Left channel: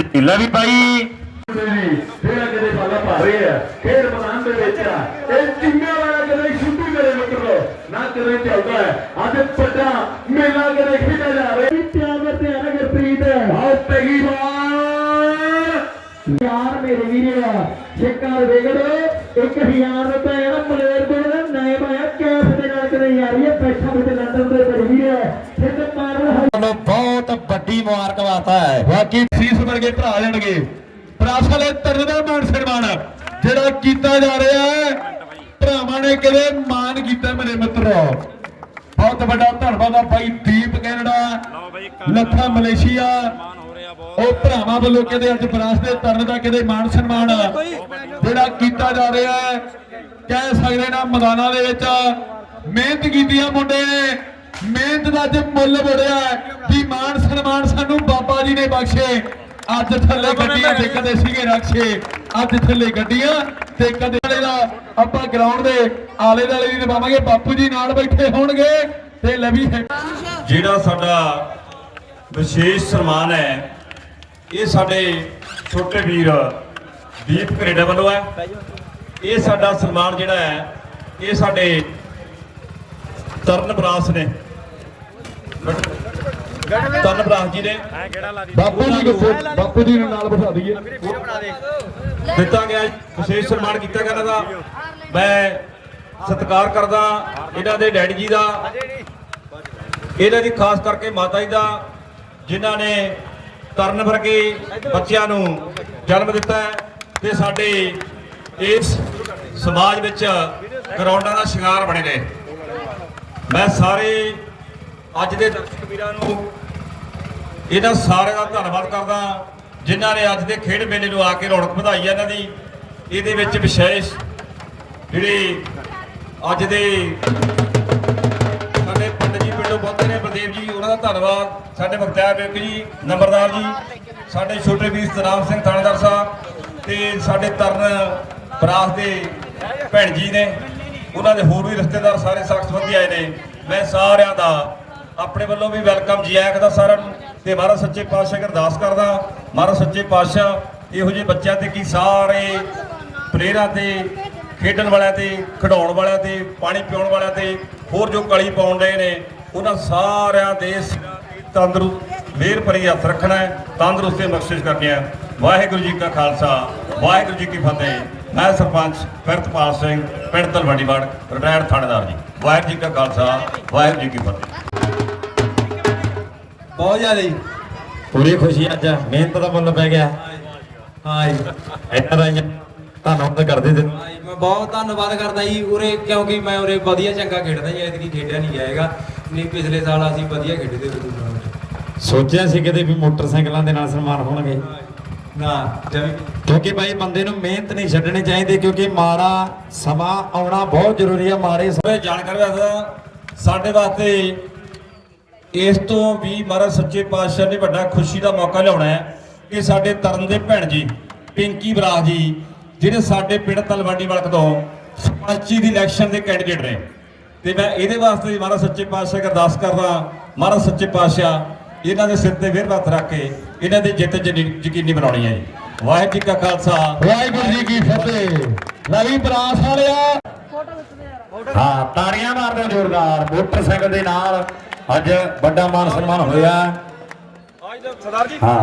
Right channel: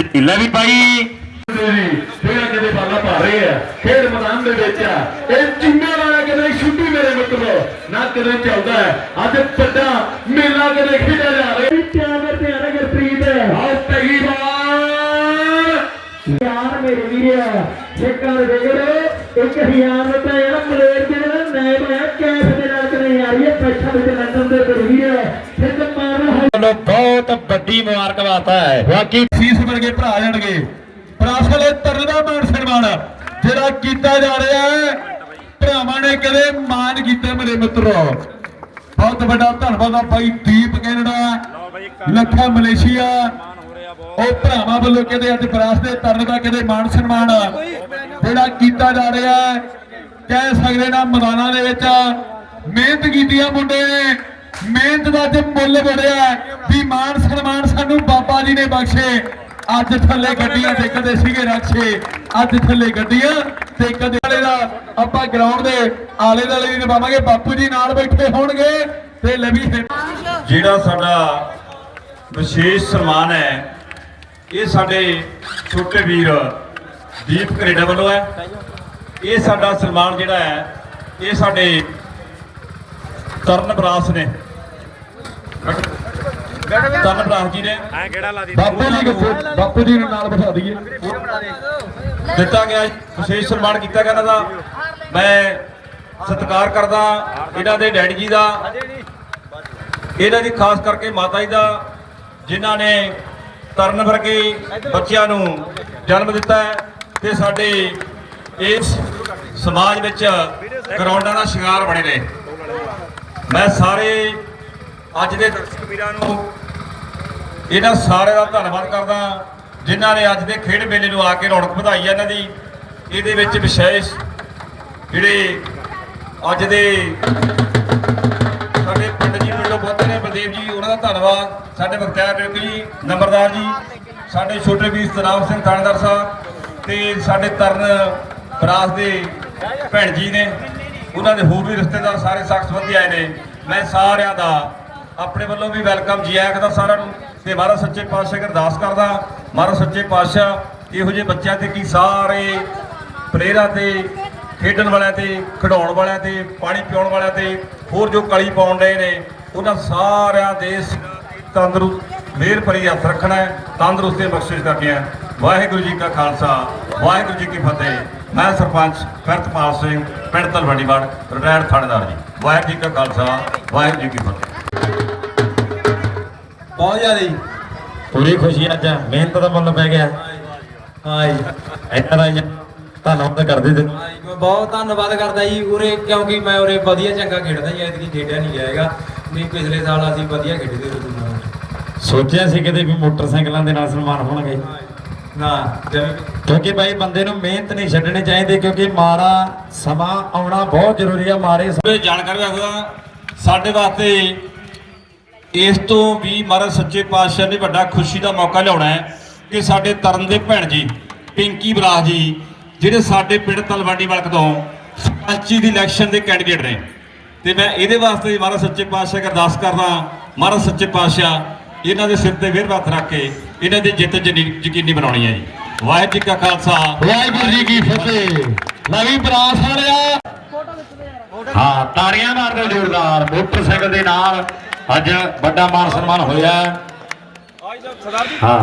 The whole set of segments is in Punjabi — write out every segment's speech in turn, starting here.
ਲੈ ਵੀ ਭਾਈ ਜਿਹੜਾ ਕਿਤੇ ਬਾਲਾ ਭਾ ਰਹੇ ਆ ਖੇਡ ਮੈਦਾਨ ਦੇ ਵਿੱਚ ਆ ਇਹ ਚਿੰਨੇ ਵਾਲਾ ਕਿਤੇ ਛੁੱਟੀ ਮੇਰੇ ਮਿੱਤਰੋ ਨਾ ਕਿਤੇ ਚੱਲਦਾ ਹੈ ਅੱਜ ਵੱਡਾ ਮੇਲਾ ਕਿਤੇ ਖੇਡਿਆ ਜਾ ਰਿਹਾ ਪਿਆਰ ਪਿਆਰ ਗੁਰਪ੍ਰੀਤ ਆਹ ਤੇਰੀ ਵਾਰ ਯਾਰ ਮੇਰੇ ਵੀਰ ਛੇਕਾਂ ਦੇ ਗਏ 1000 ਰੁਪਏ ਆ ਮਲੇਰ ਦੇ ਨਾਲ ਨਏ ਹੋਇਆ ਕੈਸ਼ ਦੇ ਨਾਲ ਕਰੇ ਯਾਰ ਇਹ ਪੈਸਾ ਦੇ ਲੰਡਨ ਦੇ ਬਾਕੀ ਸੀਸ ਵਰਗੇ ਭਰਾ ਜਾਣਗੇ ਪ੍ਰਾਸਲੇ ਤਰਨ ਦਾ ਮਾਨ ਸਨਮਾਨ। ਜਿਹੜਾ ਕੀਤਾ ਜਾ ਰਿਹਾ ਹੈ, ਭਰਾਵਾਂ ਨੇ ਕਦੇ ਮਾਨ ਕੀਤਾ ਮੇਰੇ ਮਿੱਤਰੋ। ਬਹੁਤ ਵੱਡਾ ਧੰਨਵਾਦ ਆ ਭਾਈ ਦੀਪ ਕੈਨੇਡਾ, ਲੱਖਾ ਮਲੇਸ਼ੀਆ। ਉਹ ਭਰਾਵਾਂ ਵੱਲੋਂ ਕਹਿੰਦੇ, ਅੱਜ ਵਿਰਾਸਤ ਦੇ ਤਰਨ ਦਾ ਕਹਿੰਦੇ ਮਾਨ ਸਨਮਾਨ ਜਿਹੜਾ ਕੀਤਾ ਜਾ ਰਿਹਾ ਹੈ, ਕਹਿ ਸਕਦੇ ਨਾ ਮੈਦਾਨਾਂ ਦੇ ਵਿੱਚ। ਮਿਹਨਤ ਕੀਤੀ ਆ ਮੁੰਡੇ ਨੇ। ਮਿਹਨਤ ਦਾ ਅੱਜ ਮੁੱਲ ਬੜਿਆ ਵੀ ਮਾਨ ਸਨਮਾਨ ਸਾਨੂੰ ਬਖਸ਼ੇ। ਅੱਜ ਥੱਲੇ ਗੱਡੀਆਂ ਤੇ ਕਦੇ ਸੀਗੇ ਰਕਸ਼ੇ ਅੱਜ ਥੱਲੇ ਗੱਡੀਆਂ ਤੇ ਕਦੇ ਦਾ ਆਪਾਂ ਗਰਾਊਂਡ ਦੇ ਆਲੇ ਦੁਆਲੇ ਵੀ ਨਿਭਾਵਾਂਗੇ। ਬਾਪੂ ਜੀ ਨਾਲ ਬੈਠੇ ਹੋਣਗੇ ਤੇ ਲਵੀ ਜਿਹੜਾ ਸਾਡਾ ਵਿਸ਼ੇਸ਼ ਸਨਮਾਨ ਹੈ, ਇਹ ਸਾਡੇ ਛੋਟੇ ਵੀਰ ਦੀਪ ਕੈਨੇਡਾ ਵੱਲੋਂ ਹੈ। ਇਹ ਸਾਡਾ ਸਨਮਾਨ ਜਿਹੜਾ ਹੈ, ਇਹ ਸਾਡੇ ਤਰਨ ਬਰਾਸ ਨੇ। ਤਰਨ ਬਰਾਸ ਜੀ ਨੇ ਬਾਪੂ ਜੀ ਕਿੱਥੇ? ਬਾਪੂ ਜੀ ਨੂੰ ਨਾਲ ਬਿਠਾ ਦਈਏ। ਦਿੱਤਾ ਗਿਆ ਵਿਸ਼ੇਸ਼ ਸਨਮਾਨ ਕੀਤਾ ਗਿਆ ਇਹਨਾਂ ਦਾ। ਮੈਂ ਸਤਿਕਾਰ ਕਰਦਾ ਇਹਨਾਂ ਦੇ ਡੈਡੀ ਜੀ ਦਾ। ਇਹਨਾਂ ਦੀ ਖਾਸ ਕਰਕੇ ਮਾਤਾ ਜੀ ਦਾ ਜਿਨ੍ਹਾਂ ਨੇ ਤਰਨ ਵਰਗੇ ਬੱਚਿਆਂ ਨੂੰ ਜਨਮ ਦਿੱਤਾ ਤੇ ਸਾਡੇ ਇਸ ਸਮਾਜ ਵਿੱਚ ਗਰਾਊਂਡਾਂ ਦਾ ਸ਼ਿੰਗਾਰ ਬਣੇ ਨੇ। ਮੈਂ ਸਾਰੇ ਅੱਜ ਦੇ ਦਰਸ਼ਕ ਵੀਰਾਂ ਨੂੰ ਇਹਨਾਂ ਸਾਰਿਆਂ ਦਾ ਧੰਨਵਾਦ ਕਰਦਾ ਜਿਨ੍ਹਾਂ ਨੇ ਅੱਜ ਦੇ ਖੇਡ ਮੇਲੇ ਨੂੰ ਆ ਕੇ ਰੌਣਕ ਵਧਾਈ ਹੈ ਇਹਨਾਂ ਦੀ। ਇਹਦੇ ਵਿੱਚ ਵਿਸ਼ੇਸ਼ ਜਿਹੜੇ ਅੱਜ ਦੇ ਸਾਡੇ ਪੰਡਤ ਜੀ ਵੱਲੋਂ ਪਹੁੰਚੇ ਨੇ ਬਲਦੇਵ ਜੀ, ਉਹਨਾਂ ਦਾ ਧੰਨਵਾਦ। ਸਾਡੇ ਬਖਤਿਆਰ ਬੇਗ ਜੀ, ਨੰਬਰਦਾਰ ਜੀ, ਸਾਡੇ ਛੋਟੇ ਵੀਰ ਸਤਨਾਮ ਸਿੰਘ ਥਾਣੇਦਾਰ ਸਾਹਿਬ ਤੇ ਸਾਡੇ ਤਰਨ ਬਰਾਸ ਦੇ ਭੈਣ ਜੀ ਨੇ। ਉਹਨਾਂ ਦੇ ਹੋਰ ਵੀ ਰਿਸ਼ਤੇਦਾਰ ਸਾਰੇ ਸਾਖ ਸੰਬੰਧੀ ਆਏ ਨੇ। ਮੈਂ ਸਾਰਿਆਂ ਦਾ ਆਪਣੇ ਵੱਲੋਂ ਵੀ ਵੈਲਕਮ ਜੀ ਆਇਆਂ ਕਰਦਾ ਸਾਰਿਆਂ ਨੂੰ। ਤੇ ਮਹਾਰਾਜ ਸੱਚੇ ਪਾਤਸ਼ਾਹ ਅਰਦਾਸ ਕਰਦਾ, ਮਹਾਰਾਜ ਸੱਚੇ ਪਾਤਸ਼ਾਹ, ਇਹੋ ਜਿਹੇ ਬੱਚਿਆਂ ਤੇ ਕੀ ਸਾਰੇ ਪਲੇਅਰਾਂ ਤੇ, ਖੇਡਣ ਵਾਲਿਆਂ ਤੇ ਖਿਡਾਉਣ ਵਾਲਿਆਂ ਤੇ, ਪਾਣੀ ਪਿਉਣ ਵਾਲਿਆਂ ਤੇ, ਹੋਰ ਜੋ ਕਲੀ ਪਾਉਣ ਰਹੇ ਨੇ, ਉਹਨਾਂ ਸਾਰਿਆਂ ਦੇ ਸਿਰਾਂ ਤੰਦਰੁਸਤ ਮਿਹਰ ਭਰੀ ਹੱਥ ਰੱਖਣਾ ਹੈ, ਤੰਦਰੁਸਤੀ ਬਖਸ਼ਿਸ਼ ਕਰਨੀ ਹੈ। ਵਾਹਿਗੁਰੂ ਜੀ ਕਾ ਖਾਲਸਾ, ਵਾਹਿਗੁਰੂ ਜੀ ਕੀ ਫਤਿਹ। ਮੈਂ ਸਰਪੰਚ ਕਰਤਪਾਲ ਸਿੰਘ, ਪਿੰਡ ਤਲਵੰਡੀਵਾੜ ਰਿਟਾਇਰ ਥਾਣੇਦਾਰ ਜੀ। ਵਾਹਿਗੁਰੂ ਜੀ ਕਾ ਖਾਲਸਾ, ਵਾਹਿਗੁਰੂ ਜੀ ਕੀ ਫਤਿਹ। ਬਹੁਤ ਜ਼ਿਆਦੀ। ਪੂਰੀ ਖੁਸ਼ੀ ਅੱਜ ਮਿਹਨਤ ਦਾ ਮੁੱਲ ਪੈ ਗਿਆ। ਹਾਂ ਜੀ ਇੰਨਾ ਰਾਈਆਂ ਧੰਨਵਾਦ ਕਰਦੇ ਤੇ ਮੈਂ ਬਹੁਤ ਧੰਨਵਾਦ ਕਰਦਾ ਜੀ ਉਰੇ ਕਿਉਂਕਿ ਮੈਂ ਉਰੇ ਵਧੀਆ ਚੰਗਾ ਖੇਡਦਾ ਜੀ ਐਤਕੀ ਖੇਡਿਆ ਨਹੀਂ ਜਾਏਗਾ ਨਹੀਂ ਪਿਛਲੇ ਸਾਲ ਅਸੀਂ ਵਧੀਆ ਖੇਡਦੇ ਰਹੇ ਟੂਰਨਾਮੈਂਟ ਸੋਚਿਆ ਸੀ ਕਿਤੇ ਵੀ ਮੋਟਰਸਾਈਕਲਾਂ ਦੇ ਨਾਲ ਸਨਮਾਨ ਹੋਣਗੇ। ਨਾ ਕਿਉਂਕਿ ਭਾਈ ਬੰਦੇ ਨੂੰ ਮਿਹਨਤ ਨਹੀਂ ਛੱਡਣੀ ਚਾਹੀਦੀ ਕਿਉਂਕਿ ਮਾੜਾ ਸਮਾਂ ਆਉਣਾ ਬਹੁਤ ਜ਼ਰੂਰੀ ਸਮੇਂ ਇਹ ਜਾਣਕਾਰੀ ਦੱਸਦਾ ਸਾਡੇ ਵਾਸਤੇ ਇਸ ਤੋਂ ਵੀ ਮਹਾਰਾਜ ਸੱਚੇ ਪਾਤਸ਼ਾਹ ਨੇ ਵੱਡਾ ਖੁਸ਼ੀ ਦਾ ਮੌਕਾ ਲਿਆਉਣਾ ਹੈ ਕਿ ਸਾਡੇ ਤਰਨ ਦੇ ਭੈਣ ਜੀ ਪਿੰਕੀ ਬਰਾਜ ਜੀ ਜਿਹੜੇ ਸਾਡੇ ਪਿੰਡ ਤਲਵਾੜੀ ਵਲਕ ਤੋਂ ਸਰਪੰਚੀ ਦੀ ਇਲੈਕਸ਼ਨ ਦੇ ਕੈਂਡੀਡੇਟ ਨੇ। ਤੇ ਮੈਂ ਇਹਦੇ ਵਾਸਤੇ ਮਹਾਰਾਜ ਸੱਚੇ ਪਾਤਸ਼ਾਹ ਅਰਦਾਸ ਕਰਦਾ ਮਹਾਰਾਜ ਸੱਚੇ ਪਾਤਸ਼ਾਹ ਇਹਨਾਂ ਦੇ ਸਿਰ ਤੇ ਵਿਰ ਹੱਥ ਰੱਖ ਕੇ ਇਹਨਾਂ ਦੀ ਜਿੱਤ ਯਕੀਨੀ ਬਣਾਉਣੀ ਹੈ ਜੀ। ਵਾਹਿਗੁਰੂ ਜੀ ਕਾ ਖਾਲਸਾ। ਵਾਹਿਗੁਰੂ ਜੀ ਕੀ ਫਤਿਹ। ਨਵੀਂ ਬਰਾਸ ਵਾਲਿਆ। ਹਾਂ ਤਾੜੀਆਂ ਮਾਰਦੇ ਜ਼ੋਰਦਾਰ ਮੋਟਰਸਾਈਕਲ ਦੇ ਨਾਲ। ਅੱਜ ਵੱਡਾ ਮਾਨ ਸਨਮਾਨ ਹੋਇਆ। ਹਾਂ।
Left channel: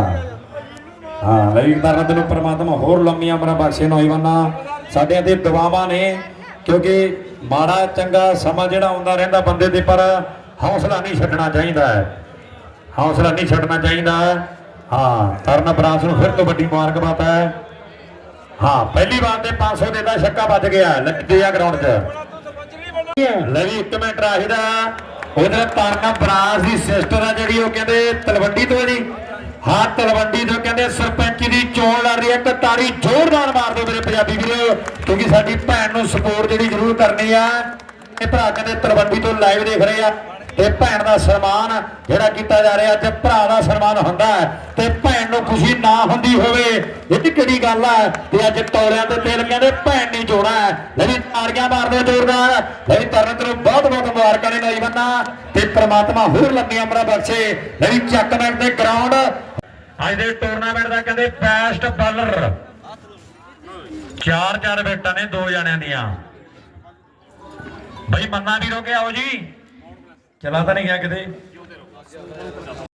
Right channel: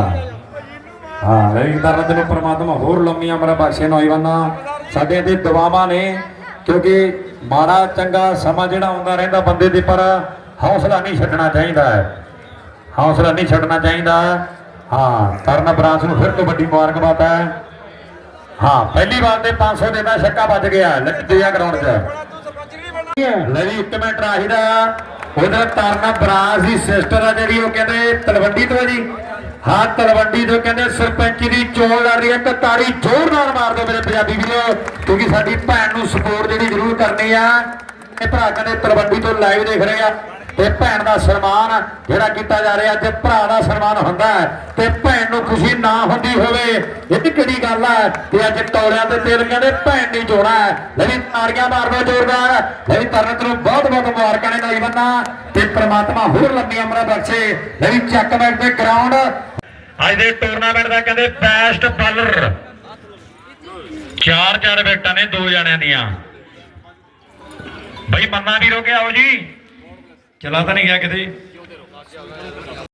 ਹਾਂ ਲਈ ਤਰ੍ਹਾਂ ਨੂੰ ਪ੍ਰਮਾਤਮਾ ਹੋਰ ਲੰਮੀਆਂ ਉਮਰਾਂ ਬਖਸ਼ੇ ਨੌਜਵਾਨਾਂ ਸਾਡੇ ਤੇ ਦੁਆਵਾਂ ਨੇ ਕਿਉਂਕਿ ਮਾੜਾ ਚੰਗਾ ਸਮਾਂ ਜਿਹੜਾ ਆਉਂਦਾ ਰਹਿੰਦਾ ਬੰਦੇ ਦੇ ਪਰ ਹੌਸਲਾ ਨਹੀਂ ਛੱਡਣਾ ਚਾਹੀਦਾ। ਹੈ ਹੌਸਲਾ ਨਹੀਂ ਛੱਡਣਾ ਚਾਹੀਦਾ। ਹਾਂ ਤਰਨ ਬਰਾਂਸ ਨੂੰ ਫਿਰ ਤੋਂ ਵੱਡੀ ਮੁਬਾਰਕਬਾਦ ਹੈ। ਹਾਂ ਪਹਿਲੀ ਵਾਰ ਤੇ 500 ਦੇ ਦਾ ਛੱਕਾ ਵੱਜ ਗਿਆ ਲੱਗੇ ਆ ਗਰਾਊਂਡ 'ਚ। ਲੈ ਵੀ ਇੱਕ ਮਿੰਟ ਰਾਹੀਦਾ ਉਹਦਾ ਤਰਨ ਬਰਾਸ ਦੀ ਸਿਸਟਰ ਆ ਜਿਹੜੀ, ਉਹ ਕਹਿੰਦੇ ਤਲਵੰਡੀ ਤੋਂ ਜੀ। ਹਾਂ, ਤਲਵੰਡੀ ਤੋਂ ਕਹਿੰਦੇ ਸਰਪੰਚ ਦੀ ਚੋਣ ਲੜ ਰਹੀ ਹੈ ਤੇ ਤਾਰੀ ਜ਼ੋਰ ਨਾਲ ਮਾਰ ਦਿਓ ਮੇਰੇ ਪੰਜਾਬੀ ਵੀਰੋ, ਕਿਉਂਕਿ ਸਾਡੀ ਭੈਣ ਨੂੰ ਸਪੋਰਟ ਜਿਹੜੀ ਜ਼ਰੂਰ ਕਰਨੀ ਆ। ਇਹ ਭਰਾ ਕਹਿੰਦੇ ਤਲਵੰਡੀ ਤੋਂ ਲਾਈਵ ਦੇਖ ਰਹੇ ਆ, ਤੇ ਭੈਣ ਦਾ ਸਨਮਾਨ ਜਿਹੜਾ ਕੀਤਾ ਜਾ ਰਿਹਾ, ਅੱਜ ਭਰਾ ਦਾ ਸਨਮਾਨ ਹੁੰਦਾ ਹੈ, ਤੇ ਖੁਸ਼ੀ ਨਾ ਹੁੰਦੀ ਹੋਵੇ। ਇਹ ਵੀ ਕਿਹੜੀ ਗੱਲ ਹੈ ਤੇ ਅੱਜ ਟੋਲਿਆਂ ਤੇ ਤੇਲ ਕਹਿੰਦੇ ਭੈਣ ਨਹੀਂ ਜੋਣਾ ਲੈ ਵੀ ਤਾੜੀਆਂ ਮਾਰਦੇ ਜ਼ੋਰਦਾਰ। ਲੈ ਵੀ ਤਰਨ ਤੈਨੂੰ ਬਹੁਤ ਬਹੁਤ ਮੁਬਾਰਕਾਂ ਨੇ ਨੌਜਵਾਨਾਂ ਤੇ ਪ੍ਰਮਾਤਮਾ ਹੋਰ ਲੰਮੀਆਂ ਉਮਰਾਂ ਬਖਸ਼ੇ। ਲੈ ਵੀ ਚੱਕ ਬੈਠ ਦੇ ਗਰਾਊਂਡ ਅੱਜ ਦੇ ਟੂਰਨਾਮੈਂਟ ਦਾ ਕਹਿੰਦੇ ਬੈਸਟ ਬਾਲਰ ਚਾਰ ਚਾਰ ਵਿਕਟਾਂ ਨੇ ਦੋ ਜਣਿਆਂ ਦੀਆਂ। ਬਈ ਮੰਨਾ ਵੀਰੋ ਕੇ ਆਓ ਜੀ? ਚਲਾ ਤਾਂ ਨਹੀਂ ਗਿਆ ਕਿਤੇ?